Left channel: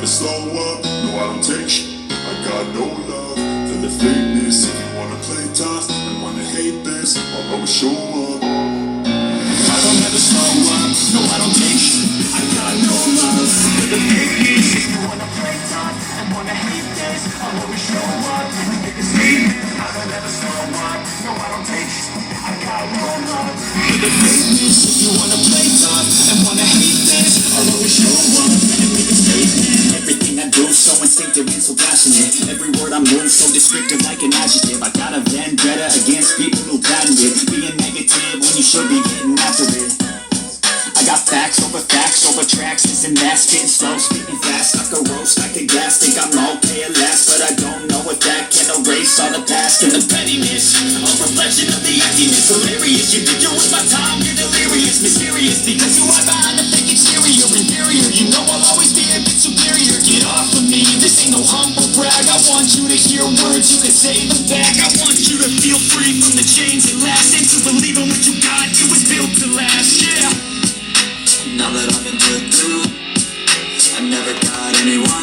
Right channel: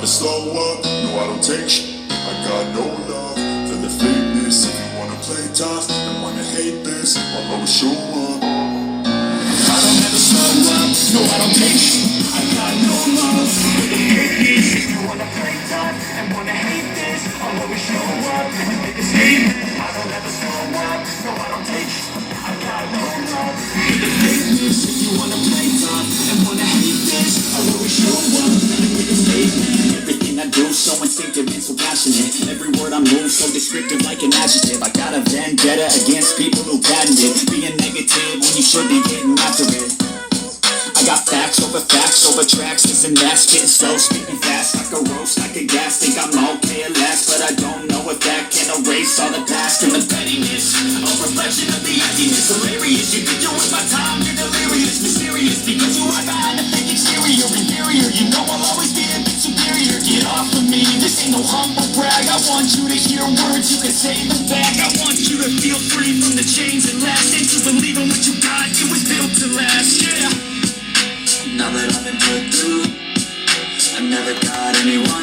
never slow up, no I don't take shit. I got no love for the fakeness. If you wanna play tough and wanna hate this, I'll always show up. I don't ever slow up, no I don't take shit. I got no love for the fakeness. If you wanna play tough and wanna hate this, I'll always show up and make a statement. I don't ever slow up, no I don't take shit. I got no love for the fakeness. If you wanna play tough and wanna hate this, I'll always show up and make a statement. Everything I do so instinctive and so passionate. Every word I move so descriptive like an adjective. I got a vendetta against people who patented being negative when you should be getting after it. I got facts over tracks, this and that, spitting slow, speaking fast, like a roast, like a gas. Think I'm okay at last, but I don't know if that can erase all the past and the pettiness. A reflection of the emptiness, hilarious. You think you're with my time, you're delirious, mysterious, because you are behind the fake exterior, inferior. You know I'll always be a bit superior. Get off of me, this ain't no humble brag. I want you to hear words, you can say them back. I want you to feel free from the chains that last, and to believe in what you got, it was built to last, yeah. Now that I've been put through, I never got anyone